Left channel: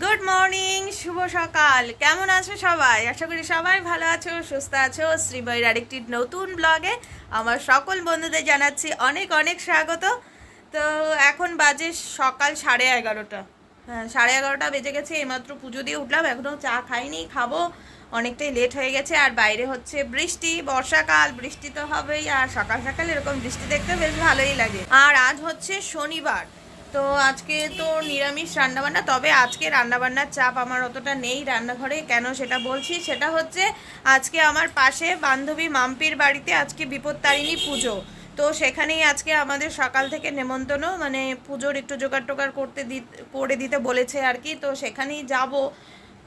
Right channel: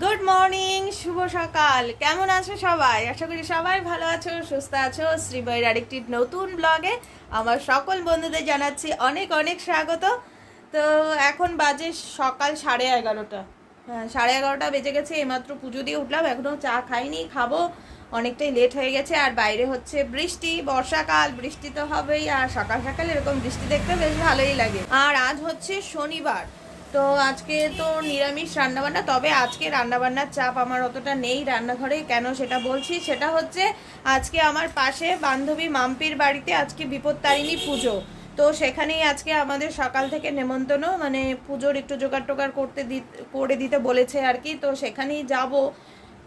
Good morning শুভ সকাল। কেমন আছো সবাই? আশা করি সবাই ভালো আছো, সুস্থ আছো। শ্রীবইয়ের আরেকটি নতুন ব্লগে আমার সকল বন্ধুদের জানাচ্ছি অনেক অনেক স্বাগত। তো এখন বাজে সকাল সাড়ে এগারোটা। হ্যাঁ সাড়ে এগারোটা বেজে গেছে, এইমাত্র পুজো দিয়ে উঠলাম এখনও চা খাইনি, খাব। অনেকটাই লেট হয়ে গেছে, আর বাইরে হচ্ছে বৃষ্টি, বর্ষাকাল, বৃষ্টি তো হবেই, আর সকাল সকাল এরকম বৃষ্টি দেখতে বেশ ভালোই লাগে। আর আজ হচ্ছে শনিবার। তো আজকে তো নিরামিষ রান্নাবান্না, তবে আজকে রান্নাবান্নার চাপ আমার অতটা নেই রান্নাঘরে। কেন সেটা বলছি? সেটা হচ্ছে আজকে আমার পাশে বান্ধবী মাম্পির বাড়িতে আজকে বিপত্তারিণী পুজো। তো সেখানেই আজকে আমাদের সকাল থেকে নেমন্তন্ন মানে পুজোর একটু জোগাড় টোগাড় করতে দি, করে দিতে বলেছে আর কি। তো সেখানেই যাব।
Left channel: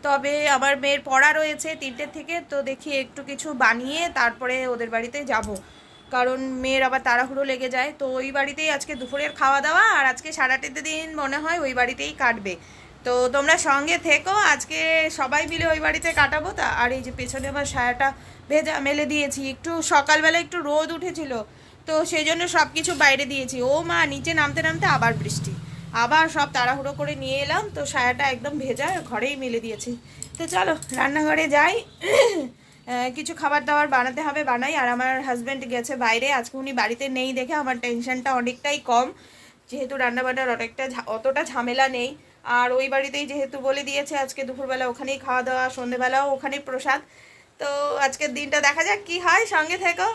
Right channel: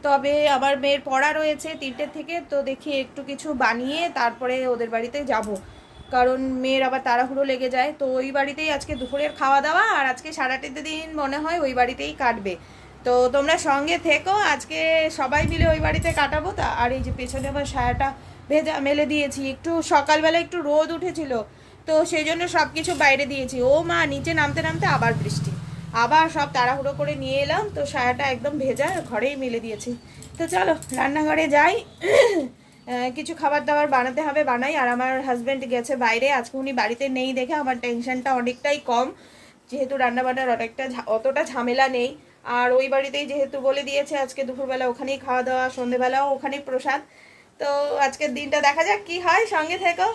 তবে আমার মেয়ের পড়া রয়েছে তিনটের থেকে, তো দেখি একটু কিছু বানিয়ে তারপরে ওদের বাড়িতে যাব। কারণ মেয়ের আবার তাড়াহুড়ো লেগে যায়। তো ওই বাড়িতেই আজকে দুপুরের খাওয়া দাওয়া আর আজকে সারাটিতে দিন মনে হয় ওই বাড়িতেই কাটবে। তো তোমরা সঙ্গে থেকো, আজকে সবাই মিলে ওই বাড়িতে কাটাবো। তা আর এই যে পেছনে আবার সায়াটা ভেজা মেলে দিয়েছি। একটু সকালবেলা একটু রোদ উঠেছিল, তো সেই জন্য সব কিছু বাইরে দিয়েছি। ও মা, নিচে নামতে নামতে আবার বৃষ্টি। আবার সব তাড়াহুড়ো করে নিয়ে এলাম। তো সায়াটা একদম ভেজা ঘরেই মেলে দিয়েছি। তো চলো, রান্নাঘরে যাই। কিছু খাবার দাবার বানাতে হবে, বানাই। আর আমার হাজব্যান্ড গেছে বাইরে, আজকে উনি বাড়িতে নেই দেখে আমার টেনশনটা অনেকটাই কম। যেহেতু রান্নাবান্নার অনেকটা অতটা ঝামেলা নেই। আর ওই বাড়িতেই যেহেতু বলে দিয়েছে, আজকে দুপুরবেলা ওখানেই খাওয়া দাওয়া সন্ধেবেলাও ওখানেই প্রসাদ। তো আজকের দিনটা দেখা যাক কি হয়, সঙ্গে থেকো।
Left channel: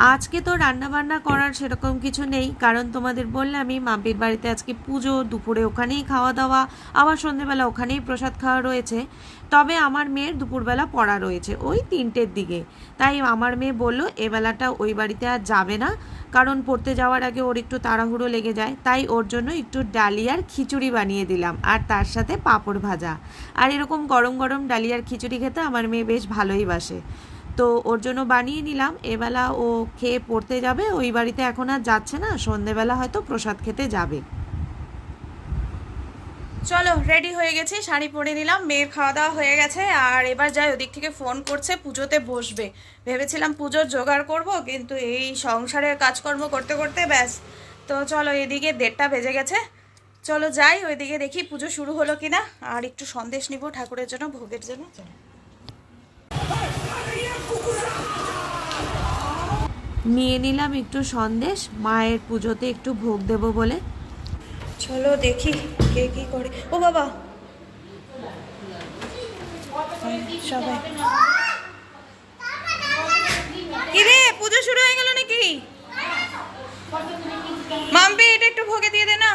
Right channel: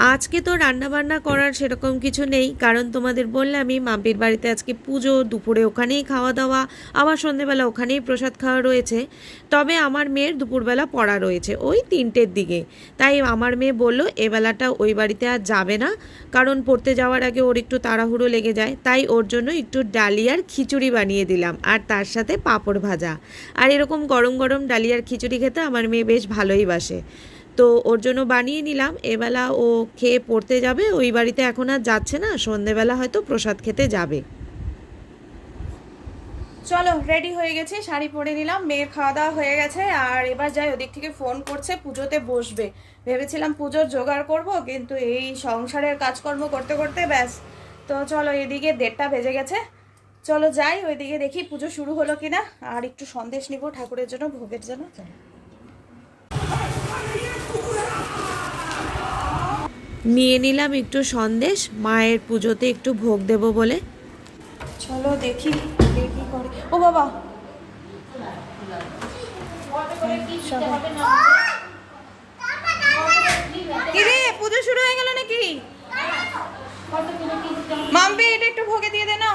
আজকে তো রান্না বান্না করার সেরকম কিছু নেই, কারণ তোমাদের বললামই মাম্পির বাড়িতে আজকে পুজো, দুপুরে ওখানেই খাওয়া দাওয়া আবার সন্ধেবেলা ওখানেই প্রসাদ খাওয়া রয়েছে। তবে আমার মেয়ের দুপুরবেলা পড়া রয়েছে, ওই তিনটের দিকে। তাই আমার মেয়ে বলল এবেলাটা ওই বাড়িতে আর যাবে না, কারণ পড়তে যাওয়ার আগে ওর একটু তাড়াহুড়ো লেগে যায়। তাই ওর জন্য একটু ডালিয়ার খিচুড়ি বানিয়ে দিলাম, আর তার সাথে পাঁপড় ভাজা। আর এরকম গরম গরম ডালিয়ার খিচুড়ি খেতে আমার মেয়ে বেশ ভালোই বাসে। তো ওর জন্য বানিয়ে নিলাম। এবেলা ও খেয়ে পড়তে যাবে। ওই বাড়িতে এখন আর যাচ্ছে না। সন্ধেবেলা হয়তো প্রসাদ খেতে যাবে। চলো রেডি হয়ে গেছি। শাড়ি পরে নিলাম। মেয়ের খাওয়া দাওয়া হয়ে গেছে। আর এবার যাই, ওদিক থেকে ফোন করছে, পুজোতে বসবে। ভেবেছিলাম পুজোর জোগাড় করব, কিন্তু এই সংসারের কাজকর্ম করতে করতে ব্যাস। তো চলো, এদিকে দেড়টা বেজে গেছে। চলো যাই, ওইদিকে দেখি পুজো শুরু হলো কিনা। আর একটু সন্দেশ নিব ঠাকুরের জন্য, ভোগের জন্য। নিয়ে নিলাম একটু সন্দেশ, মায়ের পুজোতে একটু ভোগ দেব বলে। চলো দেখি কে কি করে। ও বাবা! সবাই। রে পুজো শুরু হয়ে গেল নাকি? মাম্পি, এটা একটু ভোগে দিয়ে দে না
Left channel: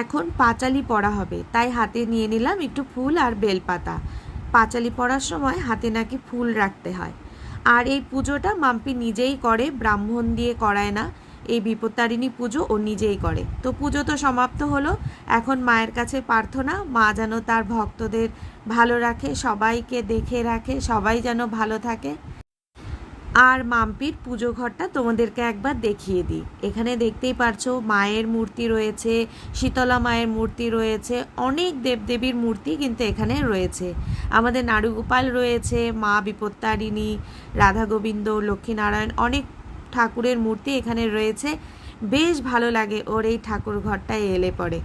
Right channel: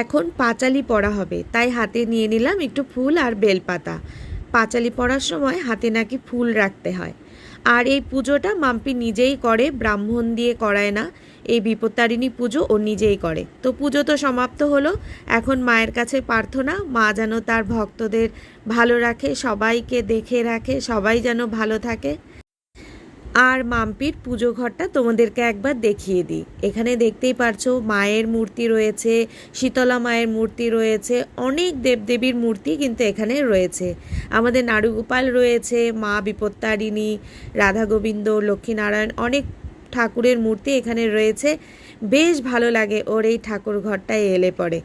এখন পাঁচালি পড়া হবে। তাই হাতে নিয়ে নিলাম একটু ফুল আর বেলপাতা। পাঁচালি পড়ার সময় হাতে নাকি ফুল রাখতে হয়। আর এই পুজোটা মাম্পি নিজেই করে, ব্রাহ্মণ দিয়ে করায় না। এই বিপত্তারিণী পুজো ও নিজেই করে। তো পুজো তো সমাপ্ত হলো। এখন মায়ের কাছে প্রার্থনা, মা যেন তার ভক্তদের ভালো রাখে, সবাইকে দেখে রাখে, সবাই যেন ভালো থাকে। আর মাম্পির পুজো ঘরটা তোমাদেরকে একবার দেখিয়ে দিই। এখানে দেখতেই পারছ মায়ের মূর্তি রয়েছে, শীতলা মায়ের মূর্তি রয়েছে, অনেক দেবদেবীর মূর্তি কিন্তু এখানে রয়েছে। আমাদের নাড়ুগোপাল রয়েছে, মা বিপত্তারিণী, রাধা গোবিন্দ, লক্ষ্মীনারায়ণ, অনেক ঠাকুরের মূর্তি এখানে রয়েছে। বেশ ভালো লাগে ওর এই ঠাকুর ঘরটায় এলে পরে।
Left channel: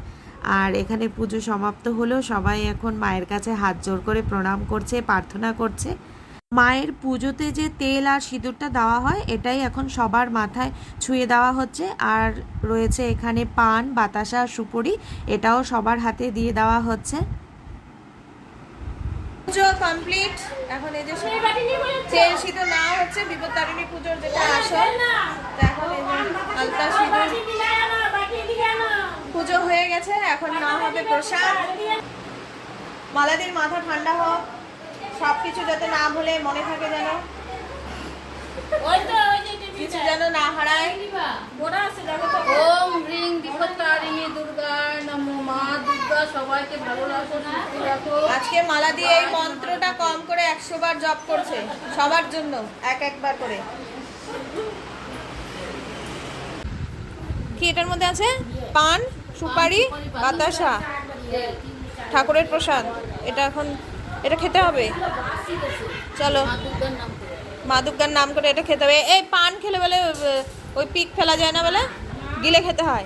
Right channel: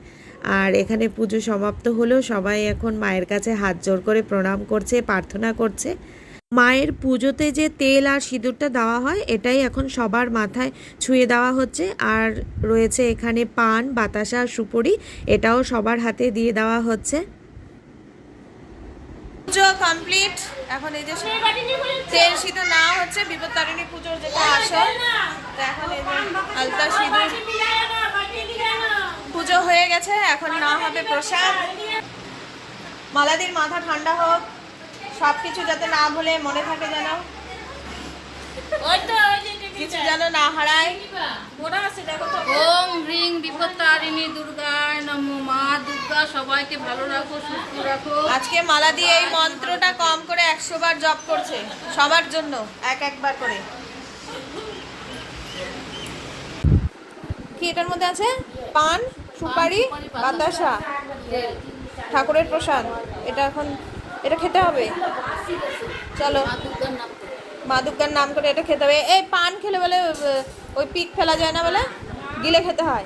আর এখানে পুজো সমাপ্ত হলো, সবাই এখন মায়ের কাছে হাত জোর করে প্রণাম করছে, প্রার্থনা করছে। মায়ের পুজোতে যে তেল আর সিঁদুরটা দেওয়া হয়, এটাই এখন সবার মাথায় ছুঁয়ে দেওয়া হচ্ছে। আর রয়েছে এখানে পান, বাতাসা সুপুরি, এটাও সবার হাতে দিয়ে দেওয়া হচ্ছে। পুজো কমপ্লিট। এখন এই যে তেল সিঁদু না হচ্ছে বিপদ তারিণী পুজোর যেটা আসল এখন সিঁদুর পুজো হয়ে গেছে, এখন না হবে প্রসাদ। মালাদির মাথা ঠান্ডা হোক। সব কিছু যাতে না ভুলে মনে থাকে যেন। কিছু যেন না হারায়। ওম রিং বিপত্তারিণী দুর্গায় নমো মা দুর্গা সবাইকে ভালো রাখো সুস্থ রাখো। আজকে মালাদি এই মন্ত্রটা কম করে একশো বার জপ করছে সবার জন্য এক একবার করে। কি এটার মধ্যে আছে? পান সুপারি বাতাসা ঠাকুরের প্রসাদ। এটা এখন এটা খেতে হবে। চলো। মা নাম করে এটা খেতে হবে। এই পান খেলে বলে ওই পিক ফেলা যায় না বলে? গিলে খেতে হয়।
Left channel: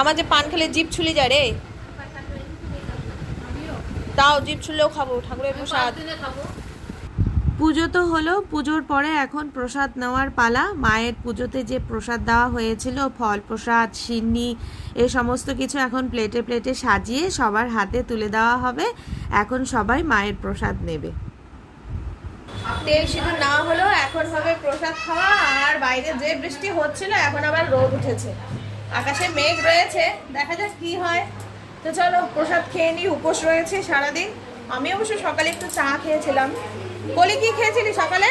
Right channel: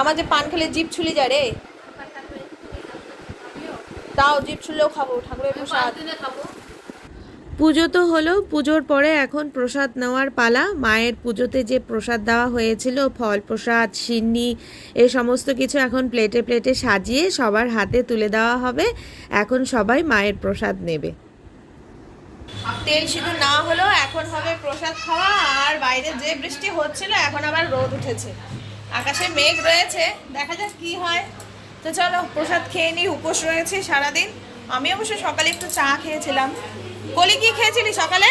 আমার যে পান খেলে জিভ ছুলি যায় রে। তাও জিভ ছুলেও খাব, ঠাকুরের প্রসাদ। পুজো তো হলো, পুজোর পরে এখন প্রসাদ নেওয়ার পালা। মায়ের পুজোতে যে প্রসাদ দেওয়া হয়েছিল, ফল প্রসাদ, সিন্নি, এ সমস্ত কিছু এখন প্লেটে প্লেটে সাজিয়ে সবার হাতে তুলে দেওয়া হবে। এখন সবাই মায়ের প্রসাদ নেবে। তেল সিঁদুর না হলো এখন হবে প্রসাদ খাওয়া, আর বাইরে যে বৃষ্টি হচ্ছিল, এখন আবার রোদ উঠেছে। আকাশে মেঘ রয়েছে, দেখা যাক কি হয়। তো চলো, প্রসাদ খেয়ে নিই, উপোস রয়েছে সারাদিন। আমি অবশ্য সকালে একটু চা খেয়েছিলাম। কলি কি খেয়েছিলি সকালে?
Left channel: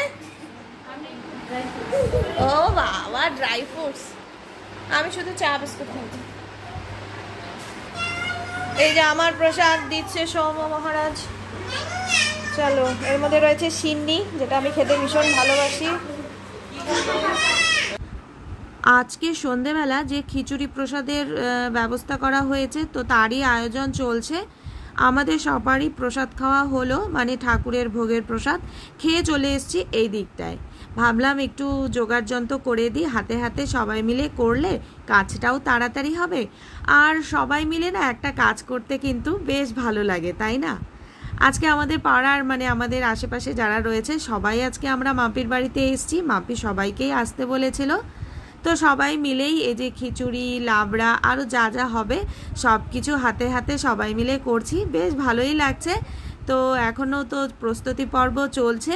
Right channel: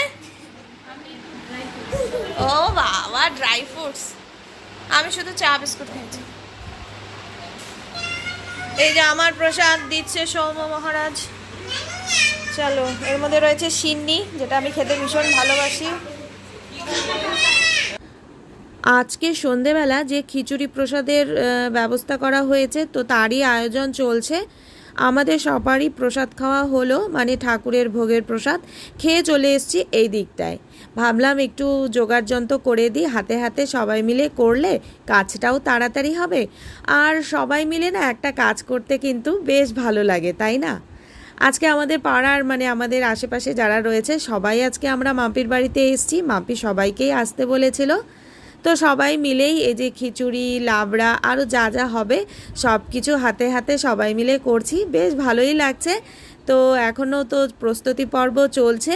ও বাবা ড্রাই ফ্রুটস আমি শুধু চা, বিস্কুট খেয়েছি। এই যে আমার প্রসাদ দিচ্ছে সৌম মহারাজ। চলো, এর মধ্যে রয়েছে সিন্নি, যেটা আমি খেতে ভীষণ ভালোবাসি। আজকে সন্ধেবেলা যে খিচুড়ি প্রসাদের ব্যবস্থা করা হয়েছে, তো তারই আয়োজন চলছে। আমাদের সবারই প্রসাদ খাওয়া হলো মানে ঠাকুরের ভোগের প্রসাদ। খেয়ে চলে এসেছি এই দিকটায়। ভাবলাম একটু জোগাড় যন্ত্র করে দিই, হাতে হাতে সবাই মিলে করলে কাজটাও তাড়াতাড়ি হবে। আর সবাই মিলে না একটা কাজ করতে কিন্তু বেশ ভালো লাগে, তাই না? আজকে আমাদের পাড়ার মানে আমাদের আশেপাশে যারা রয়েছে, সবাই আজকে আমরা মাপির বাড়িতে এসেছি। মাপি সবাইকেই আসতে বলেছিল। তো সবাই মিলেই এই যে খিচুড়ি, লাবড়া আরও যা যা হবে সব কিছু হাতে হাতে সবাই মিলে করছি। বেশ ভালোই লাগছে। তো এখনও তো প্রস্তুতি পর্ব চলছে।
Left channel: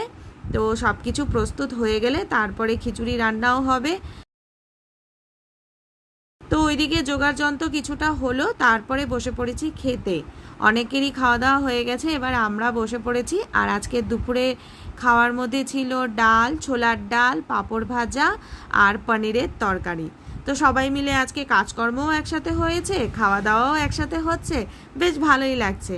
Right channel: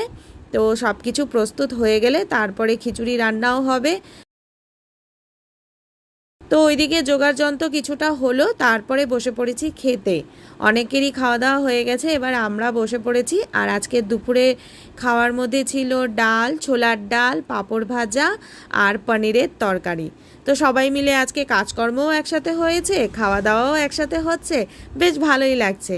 তো সব কিছু প্রস্তুত হয়ে গেলে তারপরে খিচুড়ি রান্নাও হবে। তো ওইদিকে জোগাড় যন্ত্র কিছুটা হলো, তারপরে বসে পড়েছি খেতে। অনেকেরই খাওয়া দাওয়া হয়ে গেছে, এবার আমরা বসে পড়েছি। আর আজকে দুপুরে খাওয়ার মধ্যে ছিল ডাল, ছোলার ডাল, পাঁপড় ভাজা আর পনিরের তরকারি। তো সবাই মিলে আজকে কাজকর্মও একসাথে হয়েছে খাওয়া দাওয়াও একসাথে হচ্ছে, বেশ ভালোই লাগছে।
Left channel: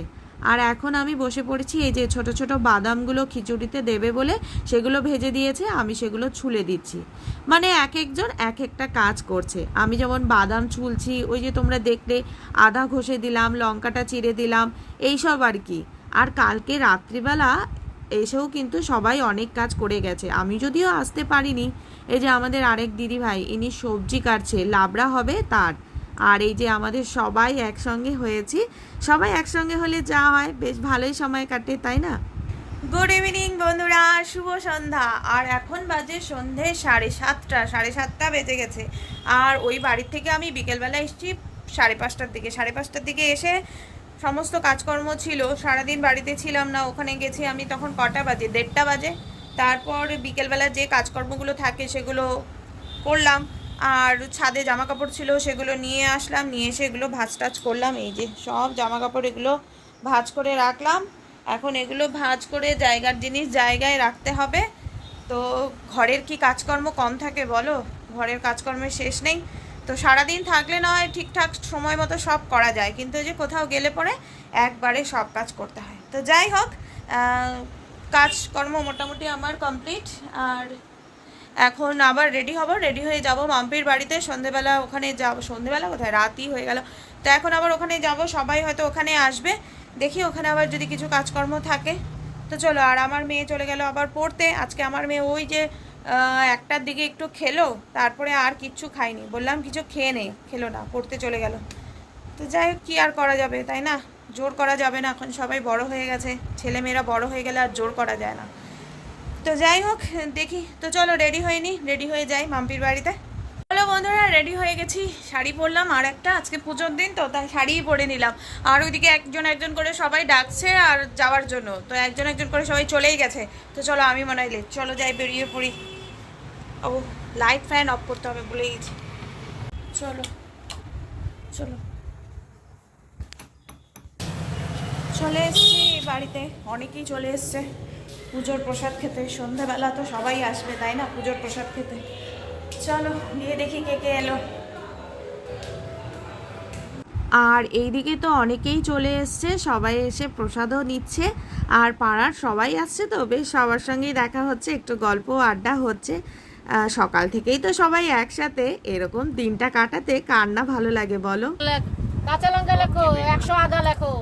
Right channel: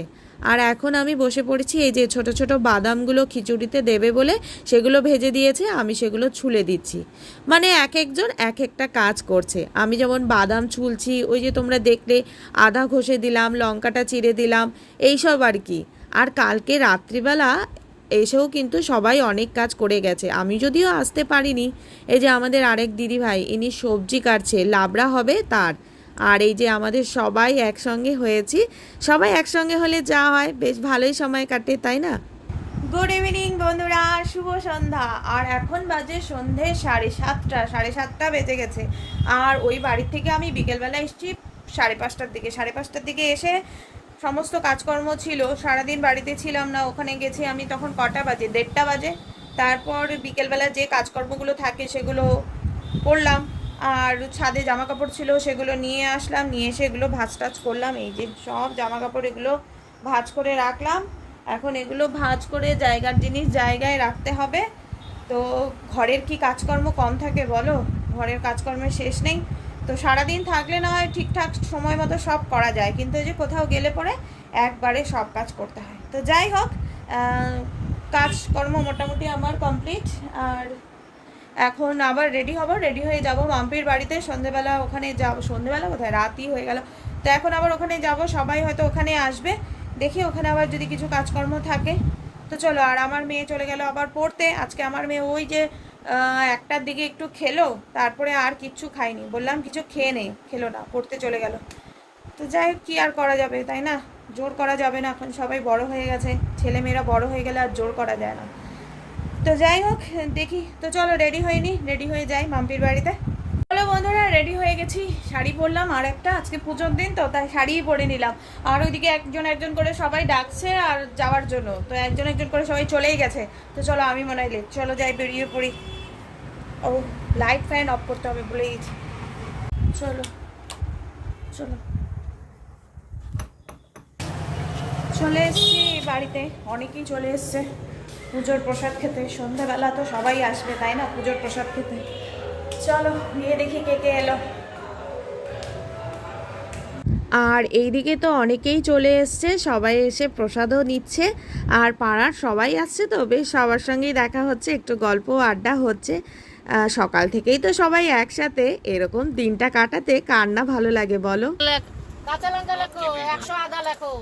আর এখন আমি বসে পড়েছি এই যে ছোট ছোট বাদামগুলো খিচুড়িতে দেবে বলে সেগুলো ভেজে দিয়েছে, আমি সেগুলো ছুলে দিচ্ছি। মানে এক একজন এক একটা কাজ করছে। আমি যেমন বাদাম ছুলছি, ওই যে তোমরা দেখলে, আদা ঘষে দিলাম, লঙ্কাটা চিড়ে দিলাম, এইসব আর কি। আর কালকে রাত্রিবেলা এসেও কিন্তু সবাই অনেক কাজ করে গেছে। আমি যদিও আসতে পারিনি, এই যে আমাদের আরেক দিদি ভাই, ইনি সবজি কাটছে, লাবড়া হবে তার। আর এই যে আমাদের সবাই একসঙ্গে হয়েছি, সবাই একসঙ্গে হলে যা হয়, বেশ ভালোই সময় কাটে, তাই না? গুড ইভিনিং বন্ধুরা, শুভ সন্ধ্যা। আর এখন বাজে সন্ধে সাড়ে সাতটা সাড়ে সাতটা বেজে গেছে। আর ওই বাড়ির থেকে আমি বিকেলবেলা এসেছি, সাড়ে পাঁচটার দিকে, সাড়ে পাঁচটার দিকে এসে সমস্ত কাজকর্ম ছিল, সারাদিন বাড়িতে ছিলাম না, ওখানে গেছি আমি তখন কটা বাজে? দেড়টা বাজে। তারপর বিকেলবেলা যে কাজকর্মগুলো থাকে সেগুলো করলাম। আর ছাদে জামা কাপড় ছিল সেগুলো নিয়ে আসলাম, নিয়ে এসে এগুলো ভাজ টাজ করলাম। এই যে সব জামা কাপড় এগুলো ভাজ করে রাখলাম। এখন এগুলো ভাজ করে জায়গার জিনিস জায়গায় রাখতে হবে। তো ঘরের কি কাজকর্ম কম থাকে বলো? ঘরের কাজকর্মের শেষ নেই। তো সারাদিন থাকলে না হয় ঠিকঠাক সময় মতো সব করা যায়, কিন্তু যে কোথাও গেলে পরে একবারে সব কাজ করতে হয়। তো যাই হোক কাজকর্ম মোটামুটি আমার কমপ্লিট, আর এখন আবার রেডি হব, রেডি হয়ে যাব মাম্পির বাড়িতে। সন্ধেবেলা ওখানে যাব, সন্ধেবেলা কোথায়? রাতই হয়ে গেল। তো এখন আবার ওখানে যাব, সবাই হয়তো ওখানে আসবে। দেখি ওখানে আবার যদি কিছু কাজকর্ম থাকে। তো চলো, আর আমার মেয়ে চলে গেল আবার পড়তে। আজকে আমার মেয়ে ওই যে একটার দিকে একটু খেলো, তারপরে আর কিচ্ছু খায়নি বললাম, কিছু খেয়ে নে, খেলো না, পড়তে চলে গেল। তো যাই হোক, কী আর করা যাবে, তাই না? জোর করা যাবে না, এখন সবাই বড় হয়ে গেছে, ছেলেমেয়েরা বড় হয়ে গেলে আর জোর করা যায় না। তো যাই হোক, দেখি, তো চলো, রেডি হয়নি রেডি হয়ে যাই মাম্পির বাড়িতে। চলো বন্ধুরা, রেডি হয়ে গেছি, শাড়ি পরলাম আর একটা, আজকে পুজোর দিন, তো তাই শাড়িই পরে নিলাম। আর ওইদিকে একজন একজন করে সবাই ডাকছে আর যাওয়ার জন্য, তো একজন একজন করে সবাই চলেই গেছে। তো চলো, আমি মনে হয়। চলো যাই, বেরিয়ে পড়ি। ও লাইট ফ্যান অফ করতে হবে ভুলে গেছি চলো চলো। চলে এসেছি বাড়িতে, অনেকেই চলে এসছে। পুজোর প্রসাদ খেতে, সন্ধ্যাবেলা তো সবাই আসবে, তাই না পুজোর প্রসাদ খেতে? চলো, গিয়ে দেখি কে কে এলো। আর এইদিকে তো অনেকেই চলে এসছে, সবাই এসে প্রসাদও নিচ্ছে। আর পাড়ার সবাই আসছে তো, বেশ সবার সঙ্গেই দেখা হচ্ছে, একটু গল্প আড্ডা হচ্ছে। সকাল থেকেই তো সবাই একসাথে এরকম দিনটা কাটাতে কার না ভালো লাগে বলো? কাঁচা লঙ্কা লেখো একশো আদা লেখো।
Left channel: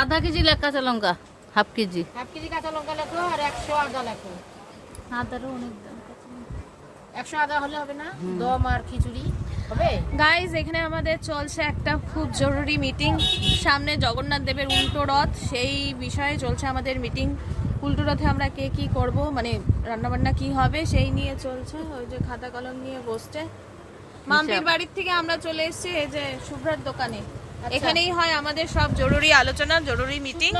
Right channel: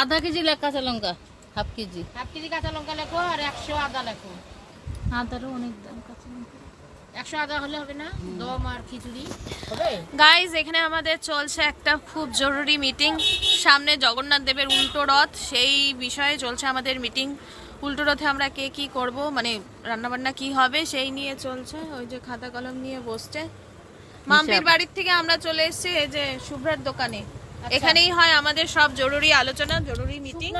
আধা কেজি লেখ কাঁচা লঙ্কা হাফ কেজি। হাফ কেজি কাঁচা লঙ্কা লেখো আর একশো আদা লেখো। আদারও অনেক দাম একশো আদা হলে হবে না? দম আর খিচুড়ি হবে? গাইজ এখানে আমাদের চলছে একটা খুব জরুরি মিটিং সামনে জগন্নাথ দেবের উল্টো রথ সেই বিষয়ে চলছে আমাদের মিটিং উল্টো রথে আমরা কে কি করব মানে রান্নাবান্না কি হবে সেই নিয়ে চলছে ওই যে খাতা কলম নিয়ে বসছে। মাম্পির বাড়ির থেকে আমরা চলে এসেছি এই যে শুভ্রের দোকানে। এখানেই হয় আমাদের সব জরুরি আলোচনা জরুরি মিটিং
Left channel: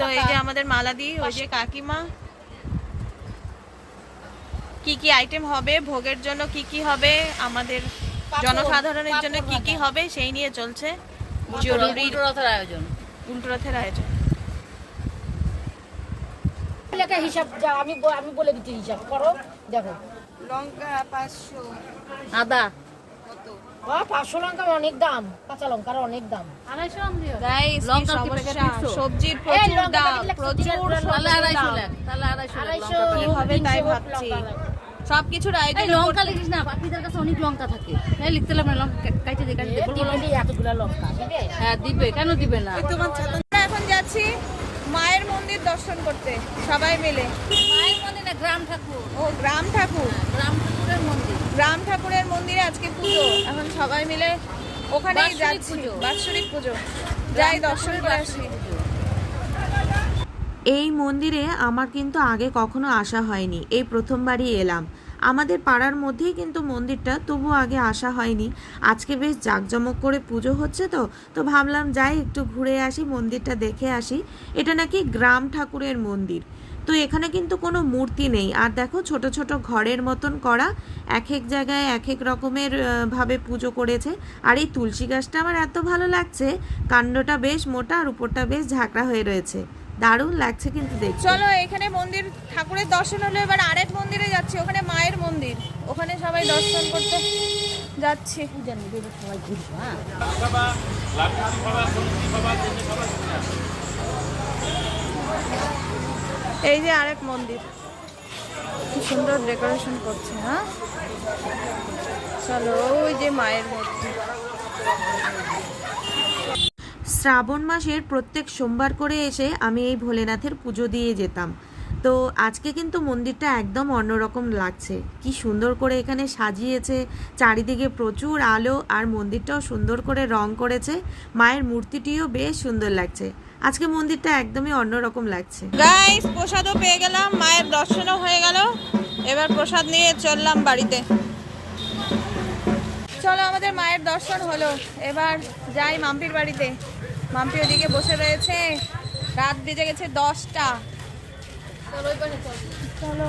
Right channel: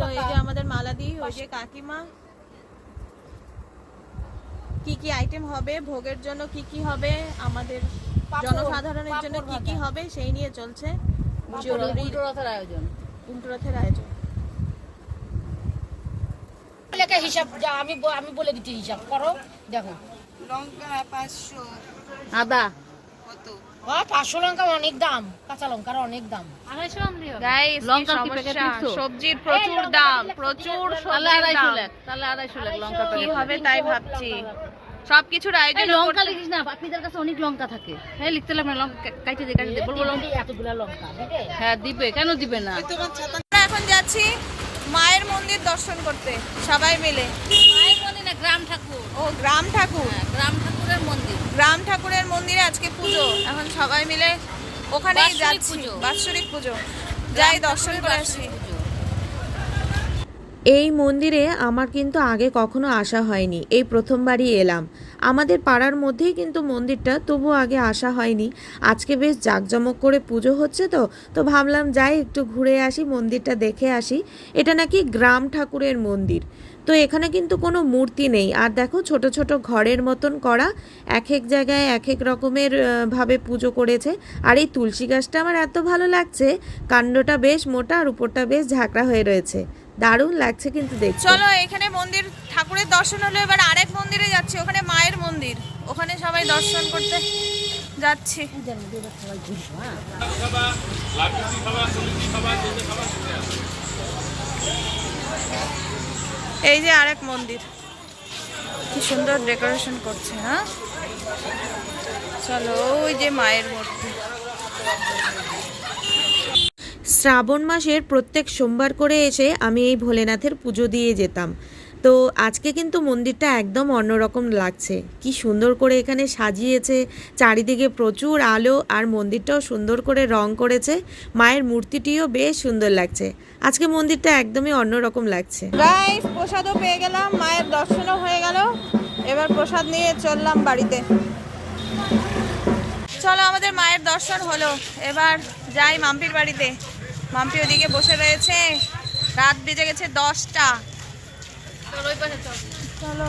তো এই যে আমাদের মালাদি ওই যে কাকিমা। কি কি আইটেম হবে ভোগের জন্য কি কি হবে আমাদের জনসাধারণের জন্য কি কি হবে সেই নিয়ে চলছে। জরুরি উল্টো রথের আয়োজন। উল্টো রথের আয়োজন। লেখা হিসাব যা আমি আমি বলে দিচ্ছি হিসাব করো দেখো। লঙ্কা পাঁচশো। আদা। কত? পাঁচশো লঙ্কা অনেক দাম কাঁচা লঙ্কার অনেক দাম। আড়াইশো আনলিও গাইস কি সমস্যা? সবজির প্রচুর দাম প্রচুর সবজির দাম। কি হবে তাই ভাবছি। সবকিছুর আয়োজন লঙ্কা লিখিস না পাখিদের কাছে অনেক লঙ্কা থাকে। হ্যাঁ লিখতে লাগবে লঙ্কা বলব লঙ্কা। এতগুলা লঙ্কা হ্যাঁ দিবে কেন দিবে না? এখন যাচ্ছি মায়ের মন্দির দর্শন করতে সবাই মিলে। মায়ের মন্দির না গ্রাম ঠাকুর। ও গ্রাম ঠাকুর? হ্যাঁ, গ্রাম ঠাকুরের মন্দির। গ্রাম ঠাকুরের মন্দিরে আজকে পুজো। এখন সবাই মিলে ওখানেই যাচ্ছি। পুজো। বাৎসরিক পুজো। যাই দর্শন করে আসি। এই মন্দিরে আমার কিন্তু আগে কখনো আসা হয়নি। এই প্রথমবারই এলাম। আমাদের পাড়ার মধ্যেই কিন্তু মন্দিরটা, তবু আগে আসা হয়নি। আজকে বেশ জাঁকজমক করে পুজো হচ্ছে তো তো ভাবলাম যাই, একটু ঘুরে আসি, মন্দিরটা দেখে আসি। এটা নাকি গ্রাম ঠাকুরের মন্দির। তো এখানে কিন্তু কোনো মূর্তি নেই। আর দেখো, ছোট ছোট ঘরের মতন করা এক এক জায়গায় এক এক রকমের ভাবে পুজো করেছে। আর এই তুলসী গাছটা আমার এত ভালো লাগছে, কাণ্ডটা বেশ মোটা আর উপরটা বেশ ঝাঁকড়া হয়ে রয়েছে। দারুণ লাগছে কিন্তু দেখ চলো, এখানে মন্দির, ঠাকুরের দর্শন হলো, এবার আরেক মন্দিরে যাচ্ছি। ওখানে সবাই দর্শন করতে যাচ্ছি। এই যে আরেক মন্দির। কি সুন্দর ডেকোরেশন করছে হ্যাঁ? চলো, ওই যে মায়ের মূর্তি। শ্রাবণ মাসের প্রত্যেক সোমবার করে এসে আমি এই ভোলেনাথের পুজো দিয়ে যেতাম। তো আজকে কিন্তু মন্দিরটা একদম অন্যরকম লাগছে। কি সুন্দর করে এখানে সাজিয়েছে, চারিদিকে প্রচুর আলো আর মন্দিরটাও সুন্দর করে রং করেছে। মায়ের মূর্তিটিও বেশ সুন্দর লাগছে। আজকে মন্দিরটা একদমই অন্যরকম লাগছে। গাইস প্রসাদও পেয়ে গেলাম, মায়ের দর্শনও হয়ে গেল। এবার প্রসাদ নিয়ে চললাম বাড়িতে। চলো, আমাদের মায়ের দর্শন হলো। এবার যাই মাম্পির বাড়িতে। মাম্পি ওদিকে বসে রয়েছে। রাত বেজে গেছে দশটা। চলো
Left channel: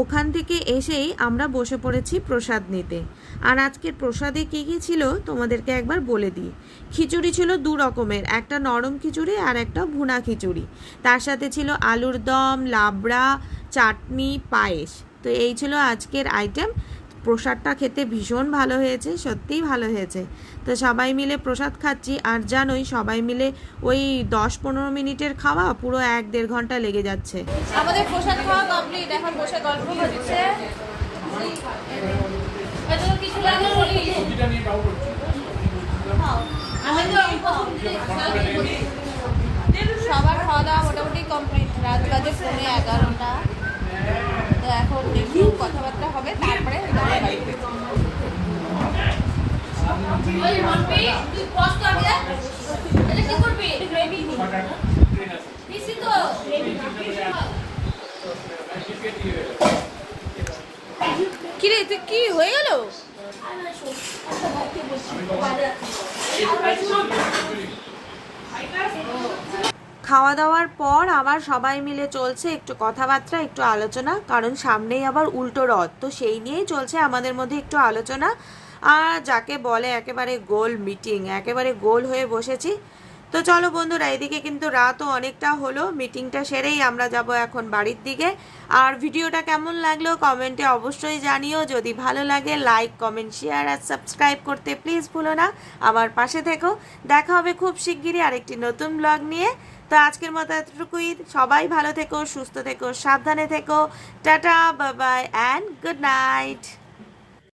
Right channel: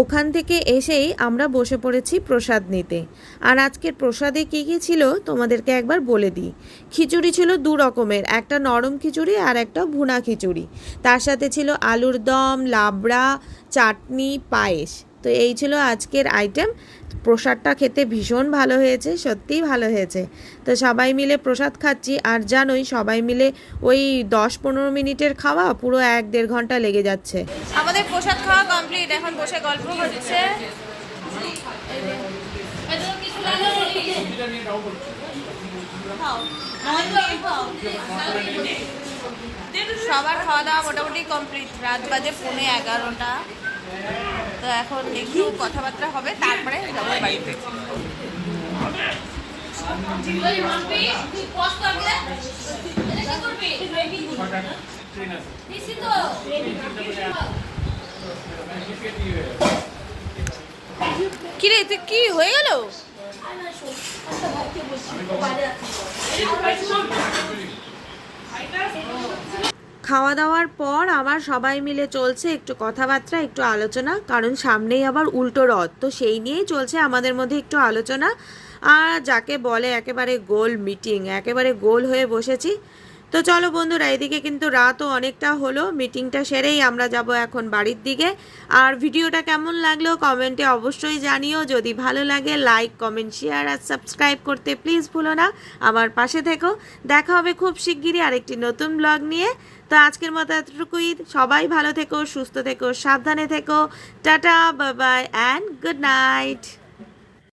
ওখান থেকে এসেই আমরা বসে পড়েছি প্রসাদ নিতে। আর আজকের প্রসাদে কী কী ছিল তোমাদেরকে একবার বলে দিই। খিচুড়ি ছিল দু রকমের একটা নরম খিচুড়ি আর একটা ভুনা খিচুড়ি। তার সাথে ছিল আলুর দম লাবড়া চাটনি পায়েস। তো এই ছিল আজকের আইটেম প্রসাদটা খেতে ভীষণ ভালো হয়েছে, সত্যিই ভালো হয়েছে। তো সবাই মিলে প্রসাদ খাচ্ছি, আর জানোই সবাই মিলে ওই দশ পনেরো মিনিটের খাওয়া পুরো এক দেড় ঘণ্টা লেগে যাচ্ছে। আমাদের প্রসাদ খাওয়া কমপ্লিট এখন বসে গল্প হচ্ছে। সবার খাওয়া দাওয়া মোটামুটি কমপ্লিট রাত বাজে পৌনে এগারোটা। তো এখন একটু কথাবার্তা হবে তারপরে যাব বাড়িতে। কিরে তুই কি হয়ে গেল? খাওয়া দাওয়ার পর আবার সবাই মিলে চলছে একটু কথাবার্তা, একটু আলোচনা, কারণ সামনেই আবার উল্টো রথ। তো সেই নিয়েই চলছে আমাদের মধ্যে একটু আলোচনা। আর যাকে বলে একেবারে গোল মিটিং, একেবারে গোল হয়ে বসেছি। তো চলো বন্ধুরা, এদিকে কিন্তু রাতও অনেকটা হলো, মিটিংটা সেরেই আমরা যাব এখন বাড়ির দিকে। আর ভিডিওটা কেমন লাগল কমেন্টে অবশ্যই জানিও। যদি ভালো লাগে, লাইক, কমেন্ট, শেয়ার আর সাবস্ক্রাইব করতে প্লিজ ভুলো না। আমার পাশে থেকো। দেখা হবে খুব শিগগিরই আরেকটি নতুন ব্লগ নিয়ে। তো আজকের মতো এতটুকুই। সবাই ভালো থেকো, সুস্থ থেকো, সাবধানে থেকো। Tata bye bye and good night